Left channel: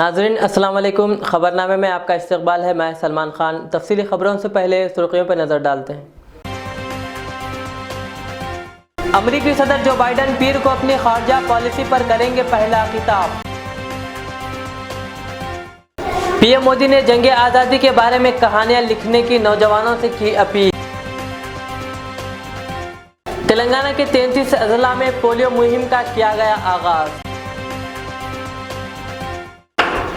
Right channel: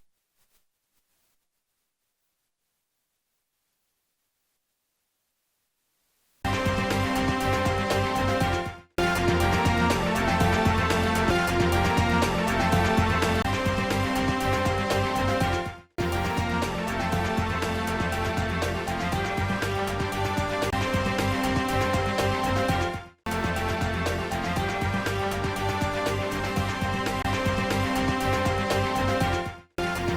नाज़रीन अस्सलाम वालेकुम। खबरनामे में आपका इस्तकबाल है। मैं सलमान खान। तफसीली खबरों से पहले सुर्खियों पर नज़र डालते हैं। अमेरिकी सदर जो बाइडन पीर को अपनी खारजा पॉलिसी पर करेंगे पहला खिताब। पीएम मोदी ने जंग आज़ादी के बारे में कहानियां लिखने की नौजवानों से की अपील। तेलंगाना के 33 अजला में पोलियो मुहिम का किया गया आगाज।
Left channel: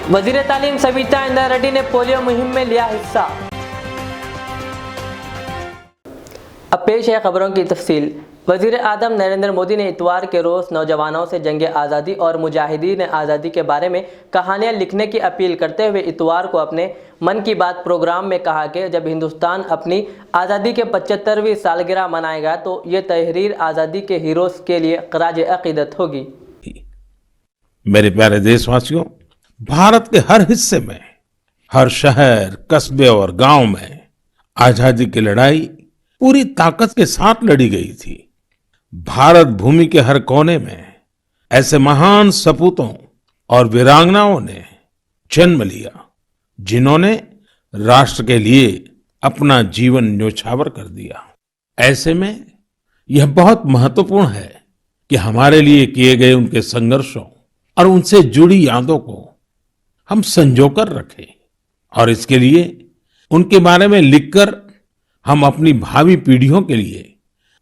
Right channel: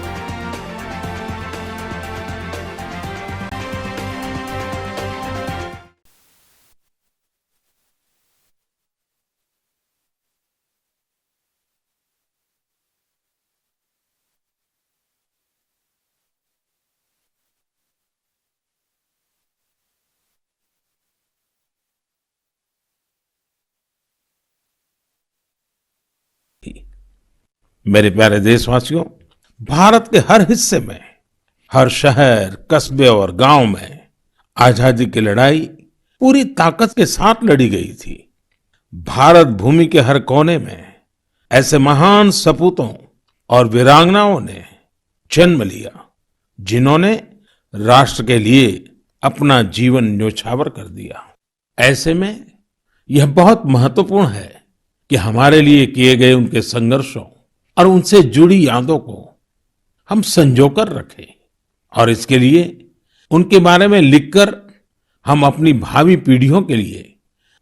वजीर तालीम सविता इंदिरा रेड्डी ने पोलियो मुहिम में लिया हिस्सा। अब पेश है खबरों की तफसील। वजीर आज़म नरेंद्र मोदी ने इतवार के रोज़ नौजवानों से जंग आज़ादी और मुजाहिदीन आज़ादी के बारे में कहानियां लिखने की अपील करते हुए इतवार को अपने मन की बात प्रोग्राम में कहा कि जब हिंदुस्तान अपनी आज़ादी के 75वीं सालगिरह मनाएगा तो ये तहरीर आज़ादी के हीरोज़ के लिए ख़राज अक़ीदत होगी। मेरे प्यारे देशवासियों, भारत के हर हिस्से में, हर शहर, कस्बे और गांव में आजादी की लड़ाई पूरी ताकत के साथ लड़ी गई थी। भारत भूमि के हर कोने में ऐसे महान सपूतों और वीरांगनाओं ने जन्म लिया जिन्होंने राष्ट्र के लिए अपना जीवन न्योछावर कर दिया। ऐसे में यह बहुत महत्वपूर्ण है कि हमारे लिए किए गए उनके संघर्षों और उनसे जुड़ी यादों को हम संजोकर रखें और इसके लिए उनके बारे में लिखकर हम अपनी भावी पीढ़ियों के लिए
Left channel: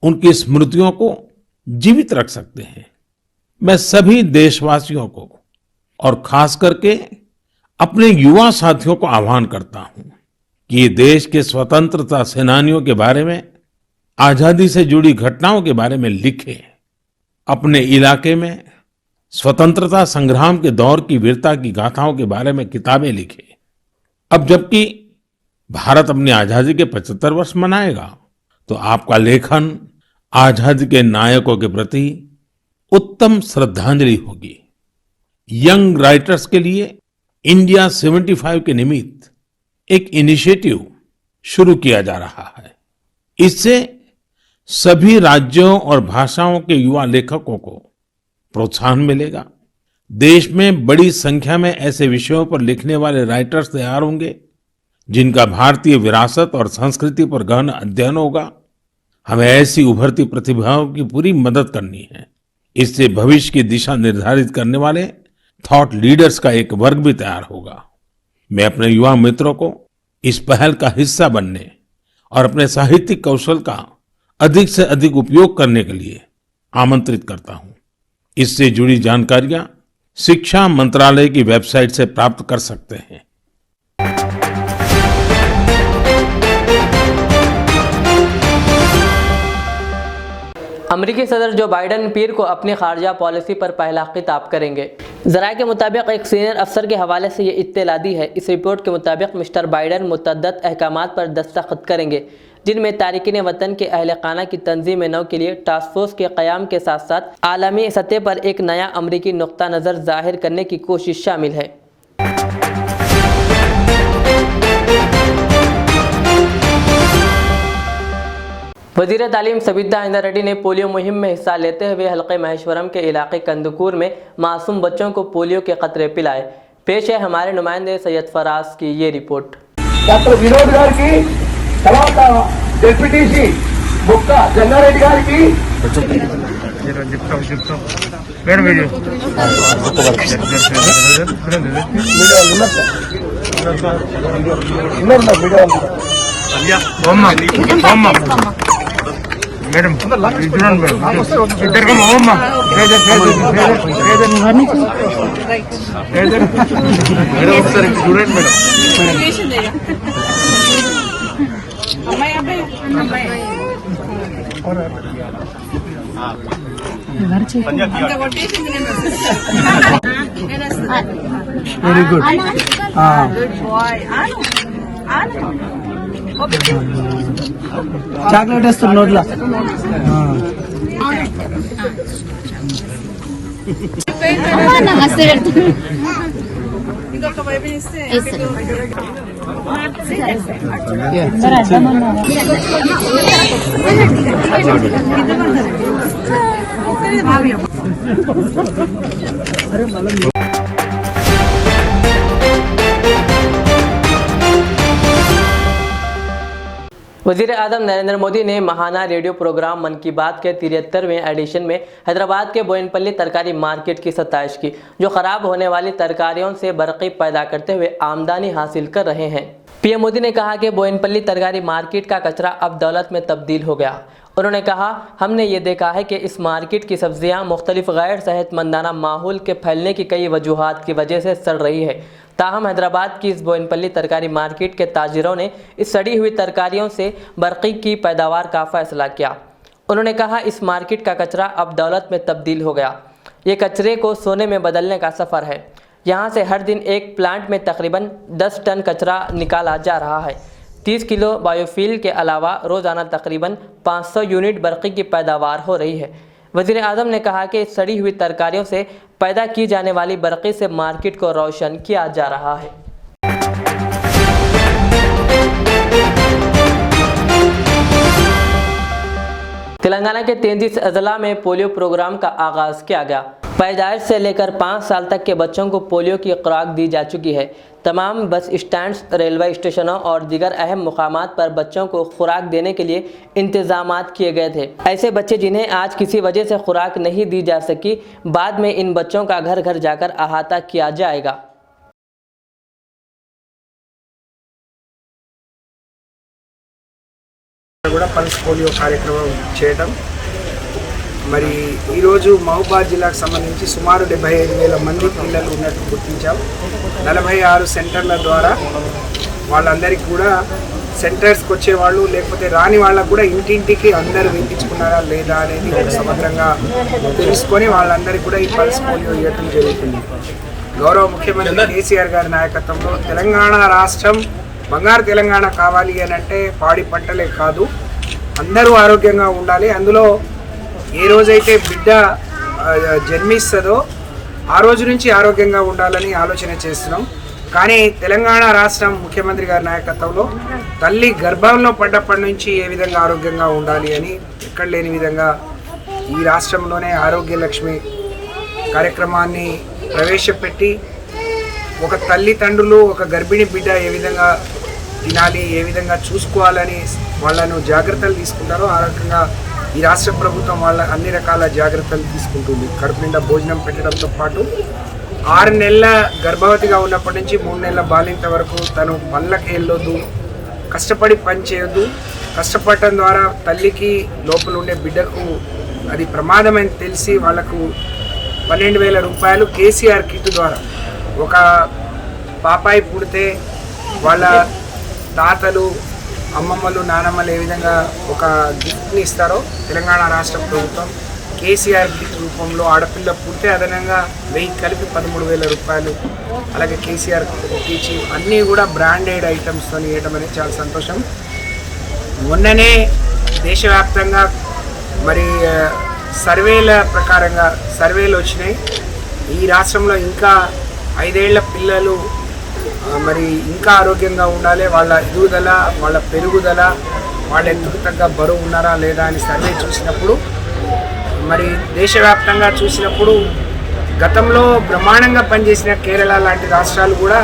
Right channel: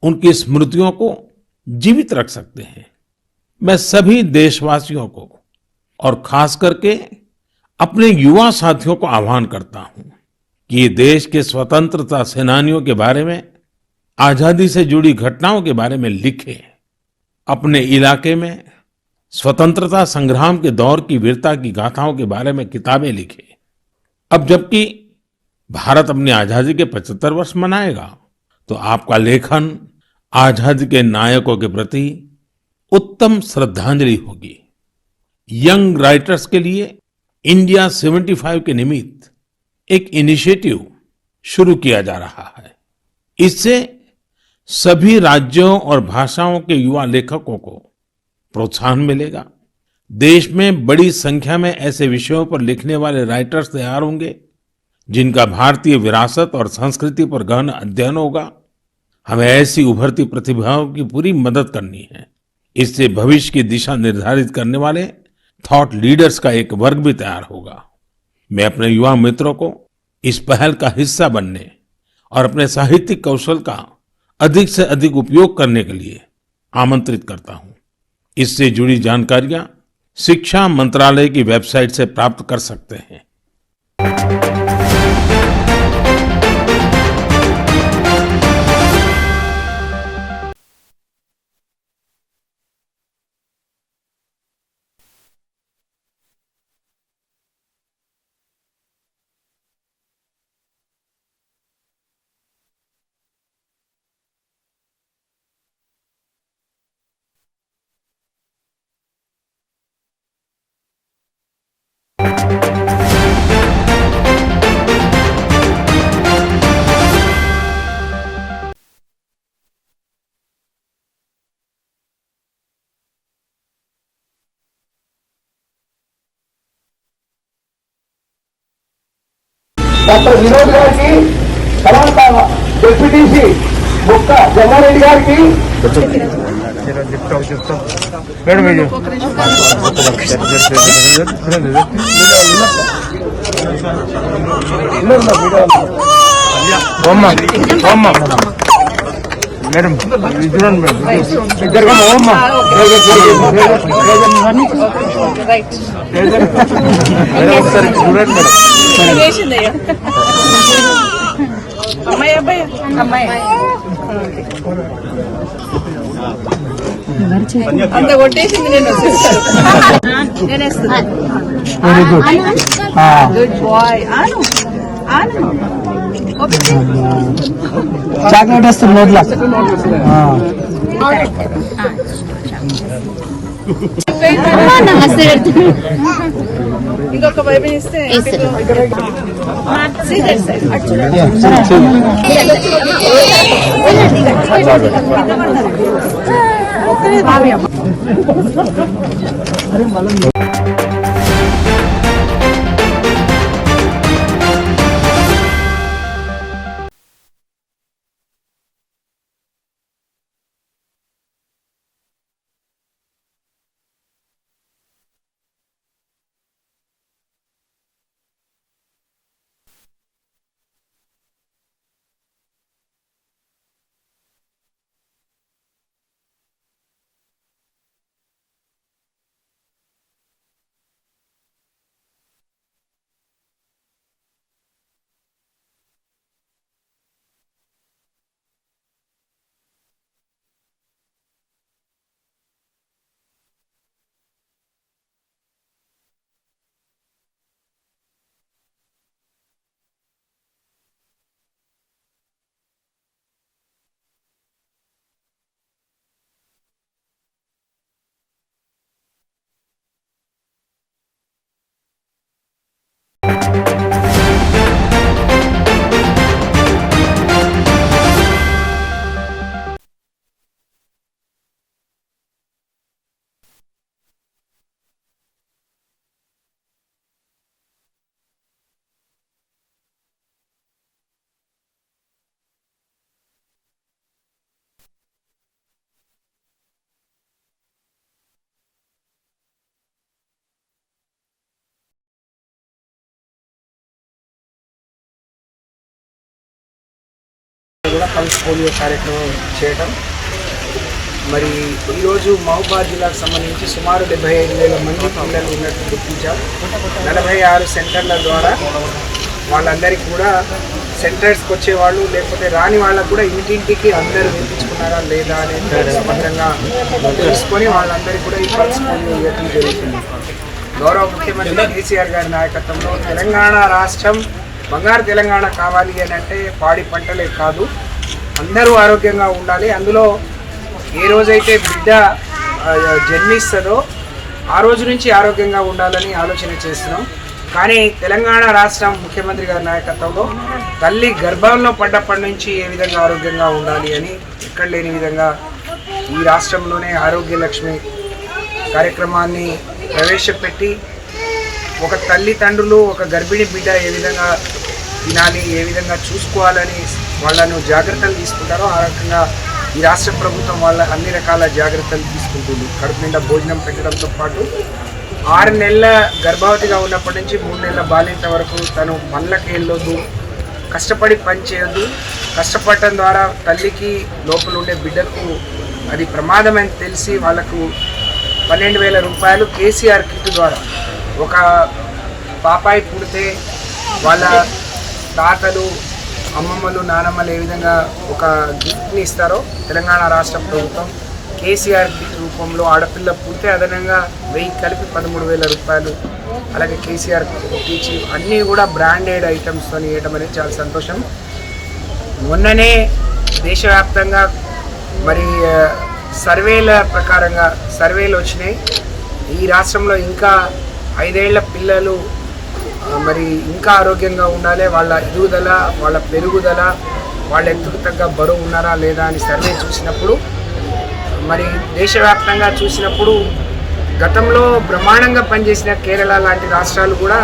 उनकी स्मृतियों को जीवित रख सकते हैं। मैं सभी देशवासियों को और खास करके अपने युवा साथियों को आह्वान करता हूं कि ये देश के स्वतंत्रता सेनानियों के बारे में, आजादी से जुड़ी घटनाओं के बारे में लिखें। अपने इलाके में स्वतंत्रता संग्राम के दौर की वीरता की गाथाओं के बारे में किताबें लिखें। अब जबकि भारत अपनी आजादी के 75 वर्ष मनाएगा तो आपका लेखन आजादी के नायकों के प्रति उत्तम श्रद्धांजलि होगी। यंग राइटर्स के लिए इंडिया 75 के निमित्त एक इनिशिएटिव शुरू किया जा रहा है। इससे सभी राज्यों और भाषाओं के युवा लेखकों को प्रोत्साहन मिलेगा। देश में बड़ी संख्या में ऐसे विषयों पर लिखने वाले राइटर्स तैयार होंगे जिनका भारतीय विरासत और संस्कृति पर गहन अध्ययन होगा। हमें ऐसी उभरती प्रतिभाओं की पूरी मदद करनी है। इससे भविष्य की दिशा निर्धारित करने वाले थॉट लीडर्स का एक वर्ग भी तैयार होगा। मैं अपने युवा मित्रों को इस पहल का हिस्सा बनने और अपने साहित्यिक कौशल का अधिक से अधिक उपयोग करने के लिए आमंत्रित करता हूं। इससे जुड़ी जानकारियां शिक्षा मंत्रालय की वेबसाइट से प्राप्त कर सकते हैं। अमेरिकी सदर जो बाइडन पीर को अपनी खारजा पॉलिसी पर पहला खिताब करेंगे। ज़राए के मुताबिक एक सीनियर अफसर के हवाले से ये इत्तला दी है। इस रिपोर्ट के मुताबिक मिस्टर बाइडन मुतअद्दिद अहकामात पर दस्तखत करेंगे जिनमें तारिकीन वतन के अहल खाना की तंजीम नौ के लिए टास्क फोर्स के क़याम के साथ साथ आलमी सतह पर एक नया अमरीकी नुक्ता नज़र जाहिर करने की कोशिश शामिल है। वज़ीर तालीम सविता इंदिरा रेड्डी ने पोलियो मुहिम में हिस्सा लेते हुए हल्के महेश्वरम के इलाके कंदकूर में मासूम बच्चों को पोलियो के कतरे पिलाए। पेश है हमारे नुमाइंदे सैयद फराज की ये रिपोर्ट। मैडम इधर का ओम्मा అమ్మాయి అబ్బాయి అమ్మాయి అంత కొట్టేసింది నేను గుడ్ బాయ్ ఆను ఆను చాక్లెట్ వస్తుంది నోట్లో నమస్తే ఇంకొక వైపు ఇస్తే वज़ीर आज़म नरेंद्र मोदी ने महाना रेडियो प्रोग्राम मन की बात के 73वें एडिशन में हैदराबाद के बोयनपल्ली तरकारी मार्केट की सताइश की, जो ख़राब होने वाली तरकारियों से बरक़ी पैदा करते हुए आमदनी हासिल कर रहे हैं। पीएम मोदी ने कहा कि बोयनपल्ली तरकारी मार्केट का कचरा अब दौलत में तब्दील हो गया। उन्होंने कहा, हमने ये देखा है कि इस मार्केट की सब्जियां मुख्तलिफ गैर सेहतमंदाना माहौल के फैलने की कई वजूहात की वजह से सड़ रही है। ताहम हैदराबाद की इस बोयनपल्ली तरकारी मार्केट के ताजिरों ने इस सड़ी हुई तरकारियों से बरक़ी की पैदावार का फैसला किया। उन्होंने कहा, इस मार्केट का कचरा अब दौलत में तब्दील हो गया। ये कचरे को सोने में बदलने का सफ़र है। यहाँ से हर दिन एक प्लांट में तकरीबन 10 टन कचरा निकाला जा रहा है। 30 किलो बायोफ्यूल के अलावा रोज़ाना तकरीबन 500 यूनिट बरक़ी की पैदावार हो रही है। वज़ीर आज़म ने कहा कि सड़ी हुई तरकारियों से पैदा की जाने वाली बरक़ी से मार्केट को रोशन किया जा रहा है। तेलंगाना के 33 अजला में पोलियो प्रोग्राम का आगाज़ किया गया। पैदाइश से लेकर 5 साल तक के बच्चों को पोलियो की खुराक दी जा चुकी है। तमाम बस स्टैंड्स, रेलवे स्टेशनों और दीगर अहम मुकामात पर बच्चों को खुराक देने के लिए इंतजामात किए गए थे। ऐसे बच्चे जिन्हें आज किसी वजह से खुराक नहीं दी जा सकी, बाद में इन बच्चों का घर घर जाकर अहाता किया जाएगा। పల్స్ పోలియో కార్యక్రమం చేయడం మరి ఈరోజు మహబూబాద్ జిల్లాకు సంబంధించి సుమారు 75,000 మంది పిల్లలు ఉన్నట్టు గుర్తించాం. 46 సెంటర్ల ద్వారా వాళ్ళందరికీ కూడా సెంటర్స్కి వచ్చేవాళ్ళు లేకపోతే రాని వాళ్ళకు కూడా ఇంటింటికి అందరూ వేయించుకున్నారా లేదా అనేది సమగ్రంగా తెలుసుకొని వాళ్ళందరికీ కూడా ఈ పల్స్ పోలియో ఇవ్వడం జరుగుతుంది. గౌరవ ముఖ్యమంత్రి కేసీఆర్ గారి నాయకత్వంలో తెలంగాణ రాష్ట్రం బంగారు తెలంగాణ కావాలి అని అంటే పాడి పంటలే కాదు, అందరూ ఆరోగ్యంగా ఉండాలి. అందులో ఏ రోజైతే బిడ్డ జన్మిస్తుందో ఆ రోజు నుంచి ఆరోగ్యంగా ఉండాలని ఆలోచన చేస్తున్నాం. కానీ తెలంగాణ రాష్ట్రం ముఖ్యమంత్రి గారి నాయకత్వంలో తల్లి గర్భంలో పడ్డప్పటి నుంచి ఏ విధంగా ఆరోగ్యంగా ఉండాలి అని ఎక్కడ లేని విధంగా ఈ రాష్ట్రంలోనే ఆరోగ్య లక్ష్మి కార్యక్రమాన్ని ప్రవేశపెట్టి ఒక తల్లిదండ్రులు ఒక గర్భిణీ బిడ్డ ఏ విధంగా తినాలి, ఏ విధంగా చూసుకోవాలని వాళ్ళను జాగ్రత్తలు తీసుకుంటారో ఆ రకంగా ఈ రాష్ట్ర ప్రభుత్వం వాళ్ళ అన్ని రకాల జాగ్రత్తలు తీసుకుంటుంది. కడుపు నిండా భోజనం పెట్టడంతో పాటు 6 నెలల గర్భవతిగా ఉన్నప్పటి నుంచి 3 నెలల బాలింత వరకు తను పనులకి వెళ్ళొద్దు, కష్టపడి పని చేయొద్దు. కష్టపడటం ద్వారా తల్లికి లోపల ఉండే బిడ్డకు అది ప్రమాదం అని తెలిసి వాళ్ళకు 12,000 రూపాయలు కేసీఆర్ కిట్ ద్వారా ఒక పాపాయి పుడితే వాళ్ళ తాతలు, అమ్మమ్మలు, నానమ్మలు ఏ విధంగా ఒక గిఫ్ట్ని ఇస్తారో తెలంగాణ రాష్ట్ర ప్రభుత్వం కేసీఆర్ గిఫ్ట్ రూపంలో ఆడపిల్ల పుడితే అదనంగా 1000 కలిపి 13,000 రూపాయలు అలాగే కేసీఆర్ ఇచ్చి అన్నీ కూడా బ్రాండెడ్ ఐటమ్స్తో ఇవ్వడం అనేది చాలా సంతోషం. మొన్ననే దేశవ్యాప్తంగా మరి సర్వేల ప్రకారంగా సర్వేలు వచ్చినాయి. ఈ రాష్ట్రంలో ఇంకా 5 ఏళ్ల పిల్లలు మరి ఇంకా ఆరోగ్యంగా ఉండాలి, వాళ్ళ ఎదుగుదల, వాళ్ళ పెరుగుదల, వాళ్ళ ఎత్తుకు తగ్గ బరువు ఉన్నారా లేదా అని సర్వే చూసినప్పుడు మరి దేశవ్యాప్తంగా చూసినప్పుడు గతంలో బ్రహ్మాండంగా పనిచేసిన కేరళ లాంటి రాష్ట్రాలు కూడా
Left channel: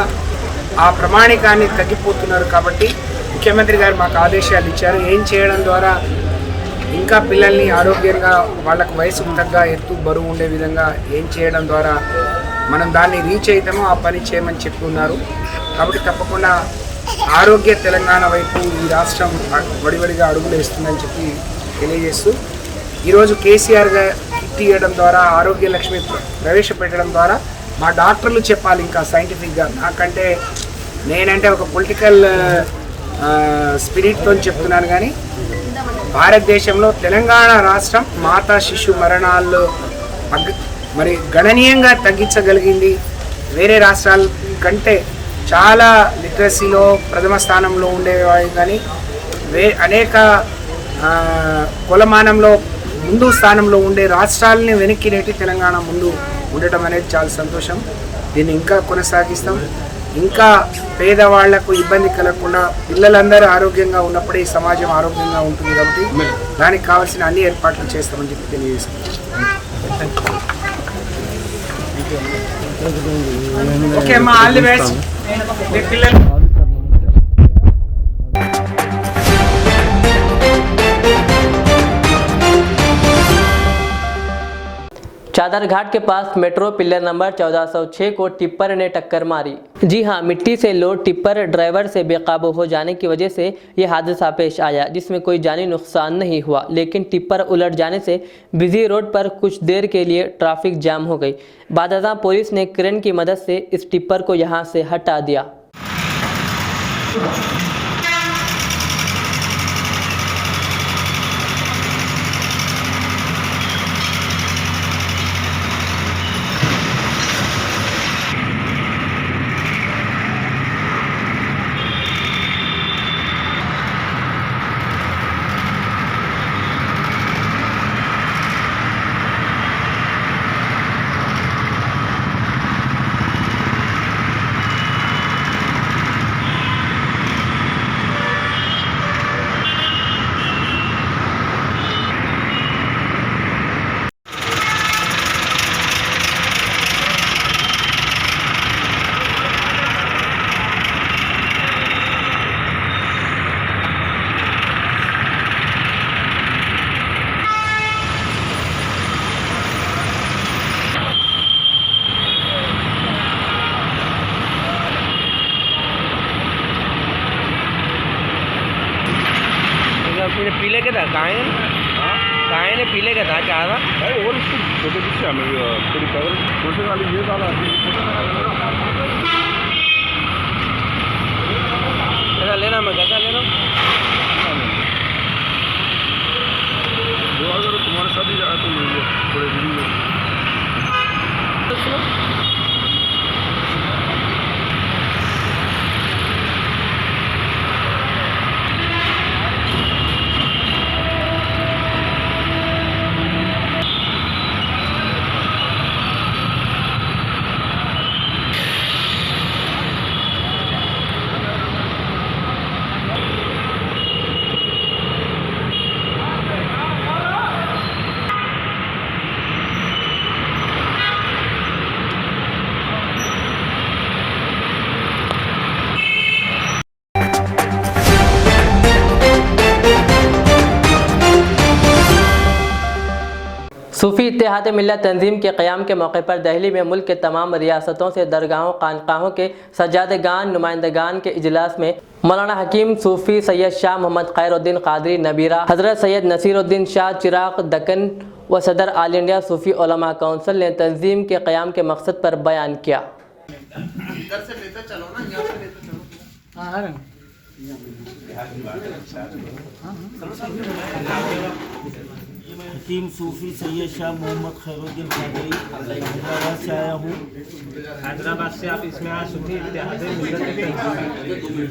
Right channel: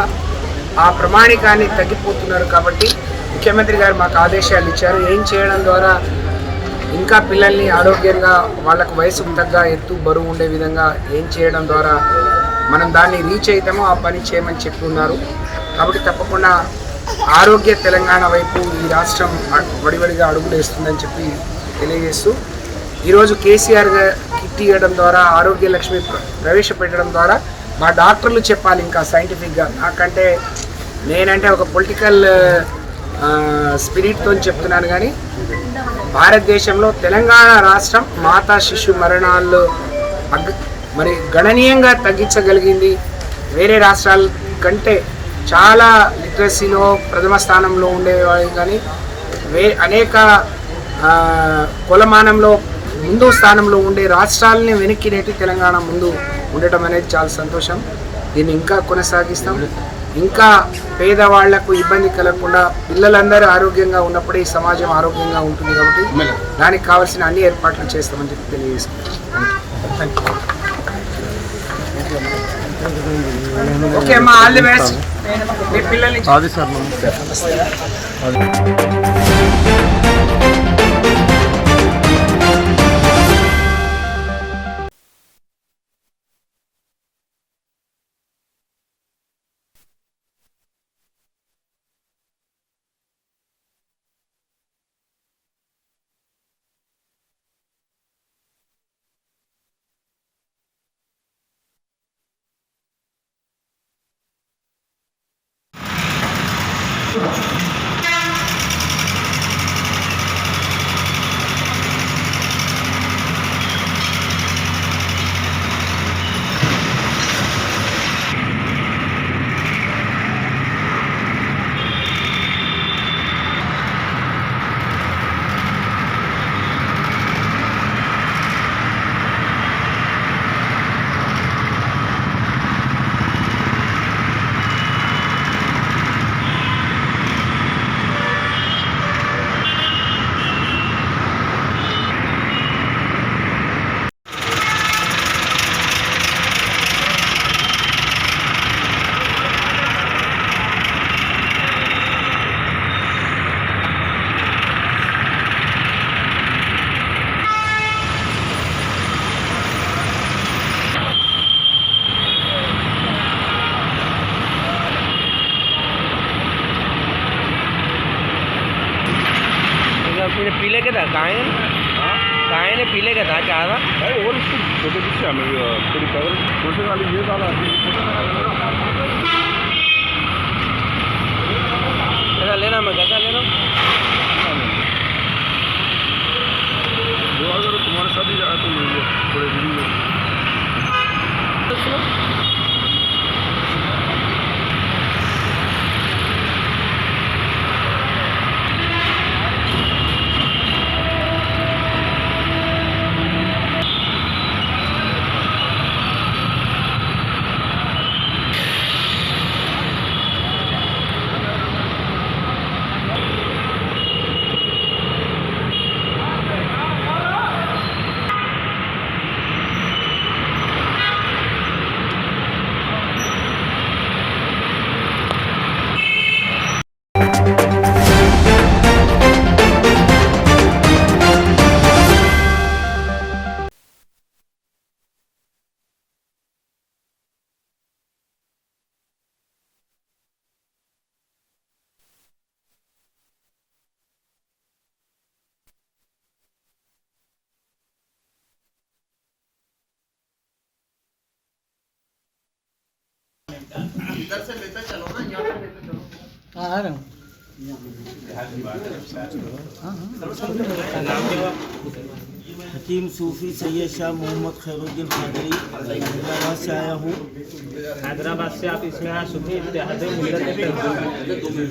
ఆ ప్రమాణికాన్ని తగ్గిపోతున్నారు. కాబట్టి ముఖ్యమంత్రి గారు మాకు ఆదేశాలు ఇచ్చారు, ఏం చేయడం ద్వారా ఇంకా పిల్లల్ని ఆరోగ్యంగా వాళ్ళకు వయసుకు తగ్గ ఎత్తు బరువు ఉండే విధంగా ఏం చేయడం ద్వారా మనం దాన్ని రీచ్ అవుతామో ఆ పని చేయమని చెప్పి ఉన్నారు. కాబట్టి తప్పకుండా ఆరోగ్య తెలంగాణ వైపు ఈ రాష్ట్రం వడివడిగా అడుగులు వేస్తుందని చెప్పి తెలియజేస్తూ ఈరోజు కేసీఆర్ కిట్ ఇవ్వడం ద్వారా ఆరోగ్య లక్ష్మి ప్రవేశపెట్టడం ద్వారా మా డాక్టర్లు చెప్పాలి ఇంకా సైంటిఫిక్గా. నాకంటే నేనంటే ఒక పొలిటికల్ స్పిరిట్తో చెప్తున్నాను, కానీ భారతదేశంలో తెలంగాణ రాష్ట్రం మాతా శిశు మరణాలు మరి గణనీయంగా తగ్గించగలిగింది. వేరే రాష్ట్రాల కంటే చాలా లిటరసీలో ప్రథమ స్థానంలో ఉండేవాళ్ళు, కానీ అనేక కులమానంలో ముందు స్థానంలో ఉండే రాష్ట్రాలని వెనక్కి నెట్టి తెలంగాణ ముందు ఉండటం అనేది చాలా సంతోషం. దీన్ని ఇంకా కొనసాగిస్తాం. ఇంకా పేదవాళ్లకు ఇబ్బంది కలగకుండా పిల్లలందరూ ఆరోగ్యంగా ఉన్నప్పుడే ఈ సమాజం ఆరోగ్యంగా ఉంటుంది. కాబట్టి దానికి కావాల్సిన అన్ని ఏర్పాట్లు చేస్తామని చెప్పి తెలియజేసుకుంటాం. ఓకే అమ్మా, ఆల్ ది బెస్ట్. మీ పిల్లల్ని पाथरघाट के पास मेट्रो पिलर नंबर 1406 को टिप्पर ने टक्कर मारी। जी हां, मिट्टी से लोड टिप्पर ड्राइवर से बेकाबू हो जाने की वजह से यह हादसा पेश आया, जिसमें कोई जानी नुकसान नहीं हुआ, लेकिन टिप्पर उलट जाने से बिजी रोड पर कुछ देर के लिए ट्रैफिक जाम हो गई। बादशाह पुलिस ने क्रेन की मदद से इस टिप्पर को यहां से हटा दिया। पीले के था गाय ने पीले का था क्या था और इसको छोटे पीछे हमें थोड़ी कवर छोटे वाली ये वाला कैसा लेना मैं कैसा ले रहा हूँ जो अगर तुम्हारे साथ ही जाए तो ले लो थोड़े दिन में सूफी इत्तेहाद मिल्लत तंजीम के क़याम के मौके पर दिल्ली में मुल्क के तमाम रियासतों से दरगाहों खानकाहों के सज्जादगान नुमाइंदगान के इजलास में मौलाना हकीम सूफी सैयद शाह मोहम्मद खैरुद्दीन कादरी नबीरा, हज़रत सैयद नसीरुद्दीन शाह चिराग दक्कन व सदर ऑल इंडिया सूफी उलमा काउंसिल ने तंजीम के क़याम के मकसद पर बयान किया। हकीम सूफी सैयद शाह मोहम्मद खैरुद्दीन कादरी से आया हूँ। हैदराबाद से आप इसमें आए सूफी इत्तेहाद मिल्लत तंजीम,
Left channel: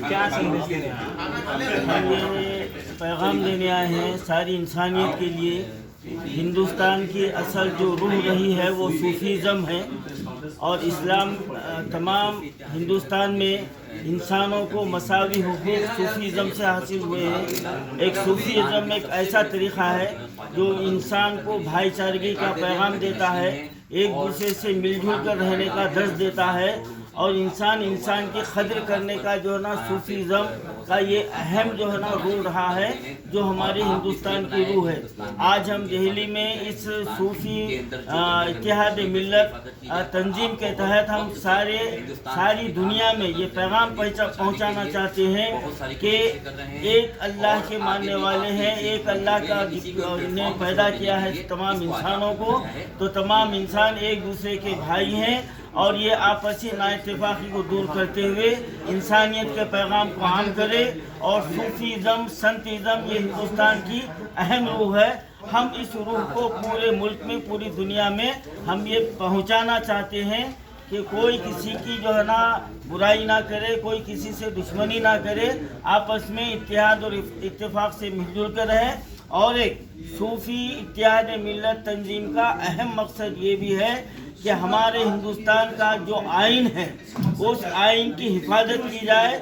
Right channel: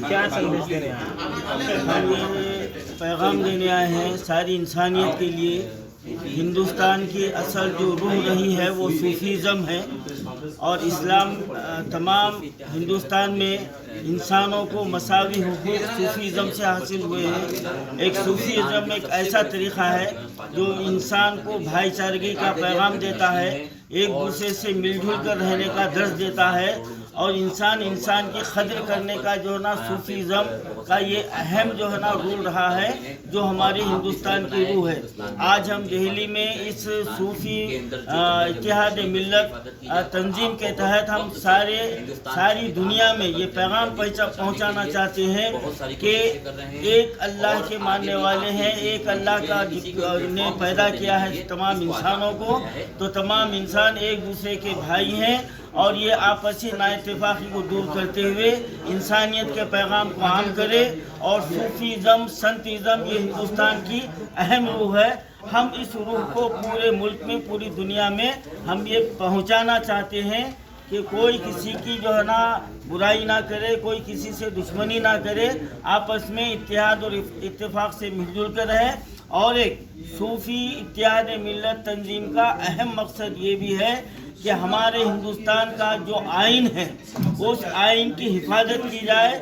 क्या संदेश देने आए? पैगाम देने आए हैं सारी इंसानियत के लिए। हिंदुस्तान की असल जो रूह रही है वो सूफीज़म है और इस्लाम तमाम हिंदुस्तान में इंसानों को मसावी हुकूक सूफीज़म से हासिल हुए हैं। एक सूफीज़म एक ऐसा तरीक़ा है जो इंसान को भाईचारगी का पैगाम देता है, एक दूसरे से मिलजुल कर रहने का दर्ज देता है और इंसान की कदर करने का जो है ना सूफीज़म का ये अहम जो है ना रूल रहा है जो हमारी हिंदुस्तान की रूह है। आज हम दिल्ली में इस सूफी इत्तेहाद मिल्लत तंजीम के तहत हम सारी दुनिया में ये पैगाम पहुंचाना चाहते हैं कि एक अल्लाह के मानने वाले हैं, एक अल्लाह का ने पैदा किया है तमाम इंसानों को, तो तमाम इंसान एक दूसरे के भाई हैं और ये आपसी नाइत्तेफाकी को दूर करते हुए इंसानियत के पैगाम को आम करे। और सूफीज़म संतीज़म ये हिंदुस्तान की अहम रूह है। हम इस रूह को पूरे मुल्क में पूरी दुनिया में हम ये पहुंचाना चाहते हैं कि कोई किसी की जो है ना बुराई ना करे, कोई किसी से दुश्मनी ना करे, आपस में इत्तेहाद और इत्तेफाक से मिलजुल कर रहे। और एक सूफी इत्तेहाद मिल्लत तंजीम का अहम मकसद ये भी है कि हमारे हिंदुस्तान का जो आइन है उस आइन की हिफाजत की जाए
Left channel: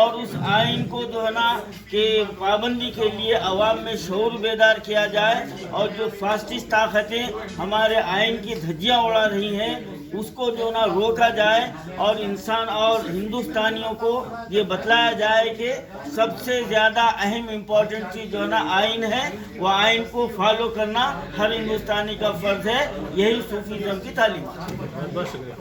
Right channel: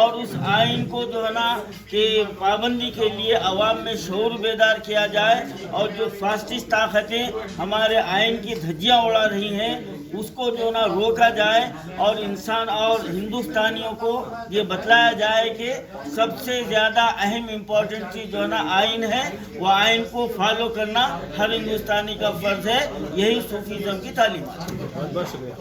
और उस आइन को जो है ना कि पाबंदी के लिए अवाम में शऊर बेदार किया जाए और जो फासिस्ट ताकतें हमारे आइन की धज्जियां उड़ा रही हैं उसको जो ना रोका जाए और इंसान और हिंदुस्तानियों को ये बतलाया जाए कि सबसे ज्यादा अहम इम्पोर्टेंट चीज जो ना आइन है वो आइन को फॉलो करना हर हिंदुस्तानी का फर्ज है। यही सूफीज़्म की तालीम। बहुत बहुत शुक्रिया।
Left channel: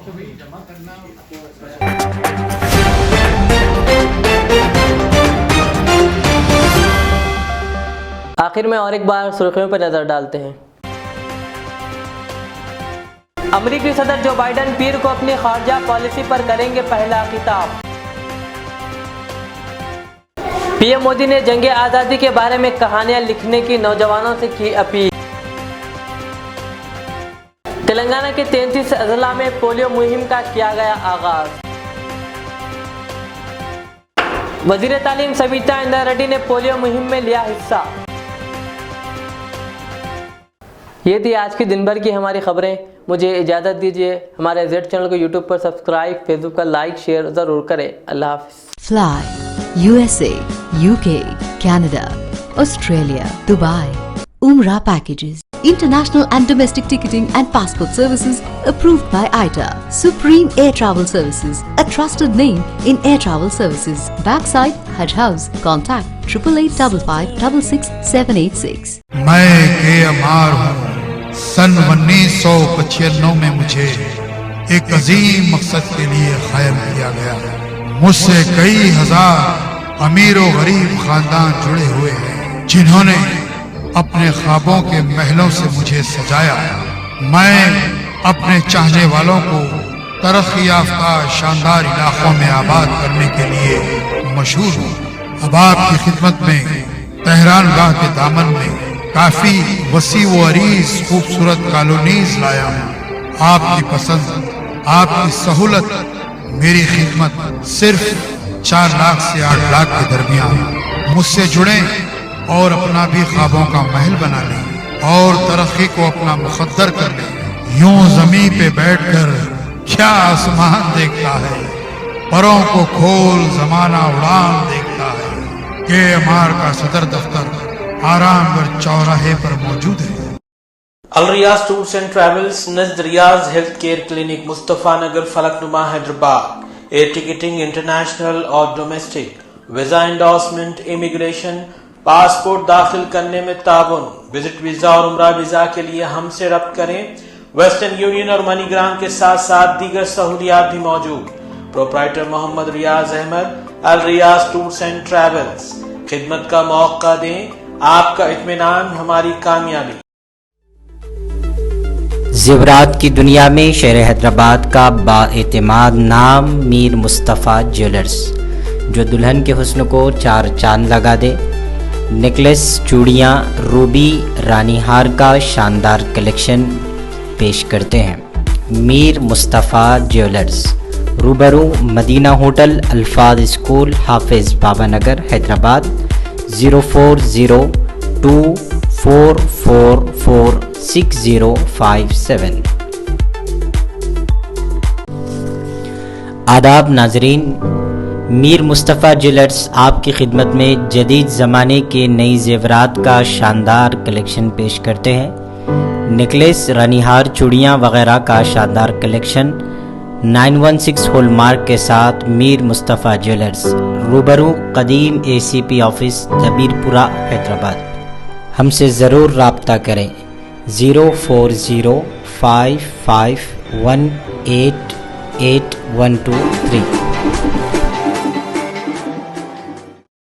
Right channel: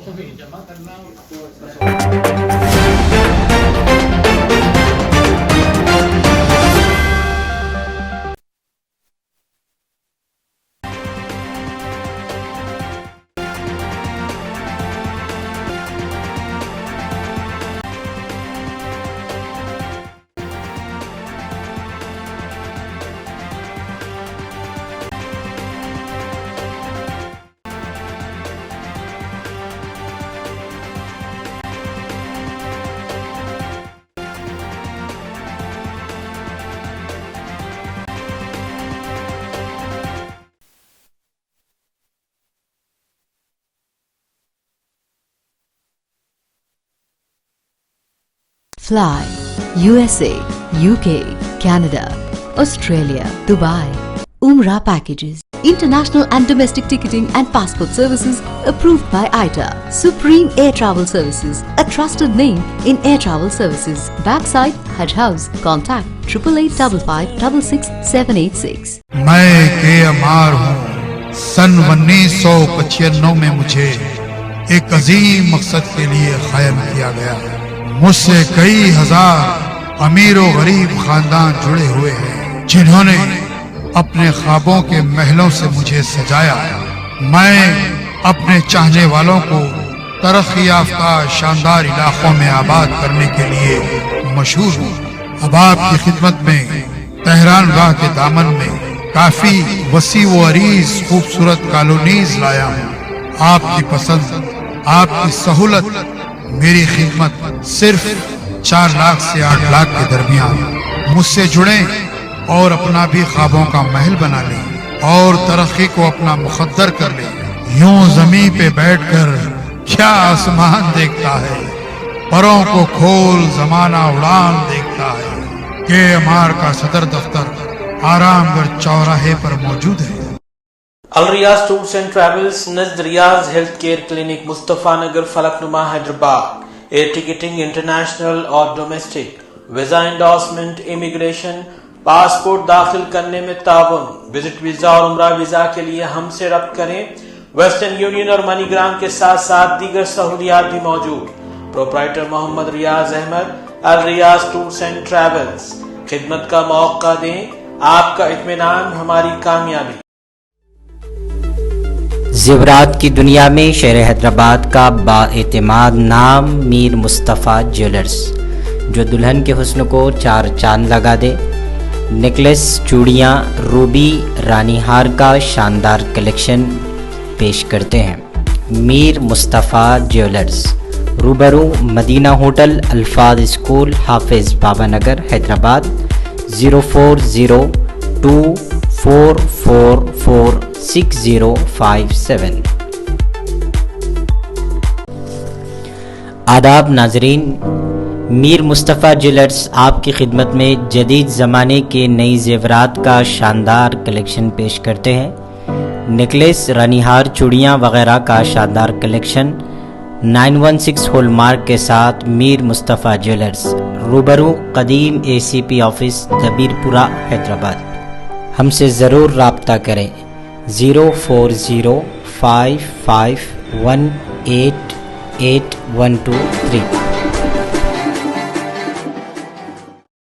आखिर में और एक बार सुर्खियों पर नजर डालते हैं। अमेरिकी सदर जो बाइडेन पीर को अपनी खारजा पॉलिसी पर करेंगे पहला खिताब। पीएम मोदी ने जंग आज़ादी के बारे में कहानियां लिखने की नौजवानों से की अपील। तेलंगाना के 33 अजला में पोलियो मुहिम का किया गया आगाज। वजीर तालीम सविता इंदिरा रेड्डी ने पोलियो मुहिम में लिया हिस्सा। ये थी आज की दिन भर की हमारी खबरें। मुझे इजाज़त दीजिए। हमारे जेड चैनल को यूट्यूब पर सब्सक्राइब, फेसबुक पर लाइक शेयर ज़रूर करें। अल्लाह हाफिज़। Fly USA, UK, Canada, Australia, Dubai. Umrah packages. International and domestic ticketing and passport services approved by ITA. Supreme Air Travel Services, a trusted name in air travel services. Backside Hajj House. Contact 8855666786. मैं के अमार हूँ। सन 1995 में मुझे एक अजीम मकसद के लिए कायम किया गया। मुझसे कई हजार अमीर और गरीब खानदान जुड़े हुए हैं जिन्होंने अपने ख्वाबों के महलों से मुझे सजाया। मैं अपने चाहने वालों को तरक्की याफ्ता शानदार इलाकों में आबाद करने के लिए मशहूर हूँ। अब आपकी खिदमत में तेहरान गाह के दामन में काफी वसी व अरीज खूबसूरत कॉलोनीज लाया हूँ। आपकी पसंद, आपकी सहूलत, मेरी खिदमत सिर्फ 4 लाख से 8 लाख के दरमियान। मुझसे जुड़े और अपना भी ख्वाबों का महल बना ले और तरक्की को अपना मुकद्दर कर ले। यूं जमीन पे बैठकर क्या आसमान देखता है, परों को खोल जमाना उड़ान देखता है। के अमार का सदर दफ्तर आरामगढ़ चौराहे पर मौजूद है। Al Riyaz tours and travels नज़द Riyaz health care clinic, Mustafa Nagar, Falaknuma, Hyderabad. Air ticketing international और domestic, visa endorsement, immigration, passport दाखिल करने में ताउन। विजिट वीजा और उम्रा वीजा के लिए हमसे रब्त करें। वेस्टर्न यूनियन और मनीग्राम के साथ साथ दीगर सहूलियात भी मौजूद। Proprietor Mohammad Riyaz Ahmed, Al Riyaz tours and travels. खिदमत का मौका दें, आपका इत्मीनान हमारी कामयाबी। ज़ेवरात की दुनिया में शहर हैदराबाद का बाएतिमाद नाम मीर मुस्तफ़ा ज्वेलर्स, जो दुल्हन के हुस्न को 4 चांद लगा दे। नेकलेस, चूड़ियाँ, रूबी, रानी हार का शानदार कलेक्शन पेश करते हैं। मीर मुस्तफ़ा ज्वेलर्स, रूबरू मदीना होटल, अल्फाज स्कूल, हाफिज बाबा नगर, हैदराबाद। 0402444657। आदाब नाजरीन, मीर मुस्तफ़ा ज्वेलर्स आपकी खिदमत में जदीद ज़माने के नई ज़ेवरात का शानदार कलेक्शन पेश करते हैं। नेकलेस, रानीहार, चूड़ियाँ वगैरह का शानदार कलेक्शन 916 हॉलमार्क के साथ मीर मुस्तफ़ा ज्वेलर्स, रूबरू कदीम ACP ऑफिस, दबीरपुरा, हैदराबाद। हमसे ज़रूर राब्ता करें। 0405518812 3।